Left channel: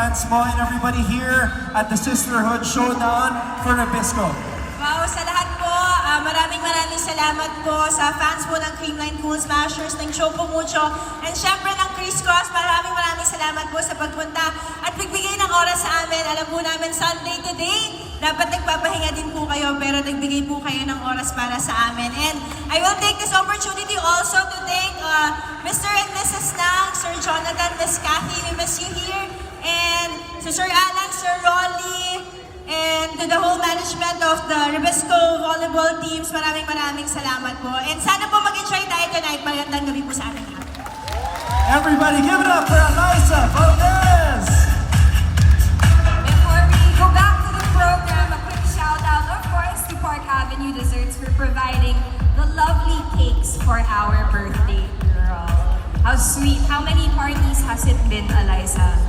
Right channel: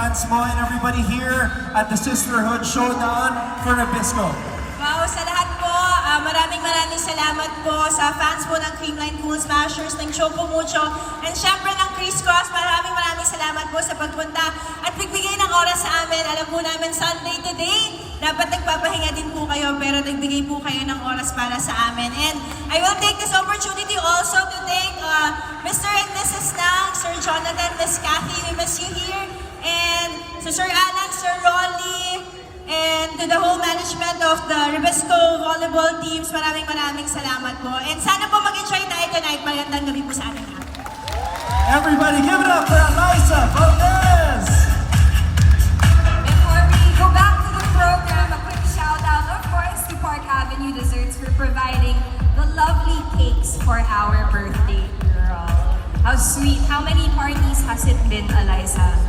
fans mo and everybody here at the Sisterhood Showdown for Nabisco. Wow, sa lahat po, maraming salamat po sa fans po ng King9 Cool Smashers, ng Choco Mucho, and syempre ng Chris Cross. Maraming salamat po sa pagpunta at nagbigay ng oras sa amin. Alam po namin Sunday today, dapat nagpapahinga din po kayo, pero nagbigay po kayo ng oras para sa amin. And I will take this opportunity also to thank Mr. and Mrs. Nang, Sir Jonathan, Miss Kathy, we miss you here, and si Sir Alan, Sir Rolly, and to the whole management of the Nabisco volleyball teams, maraming salamat po. And sana po mag-enjoy tayo tonight. Magandang gabi po sa ating lahat. Everybody give it up for Eliza Valdez! Before we go back to the program, a quick shout out, of course, to Park Avenue Desserts for providing the lovely cakes for our birthday girl. How sweet. How many parties has it been, Eliza?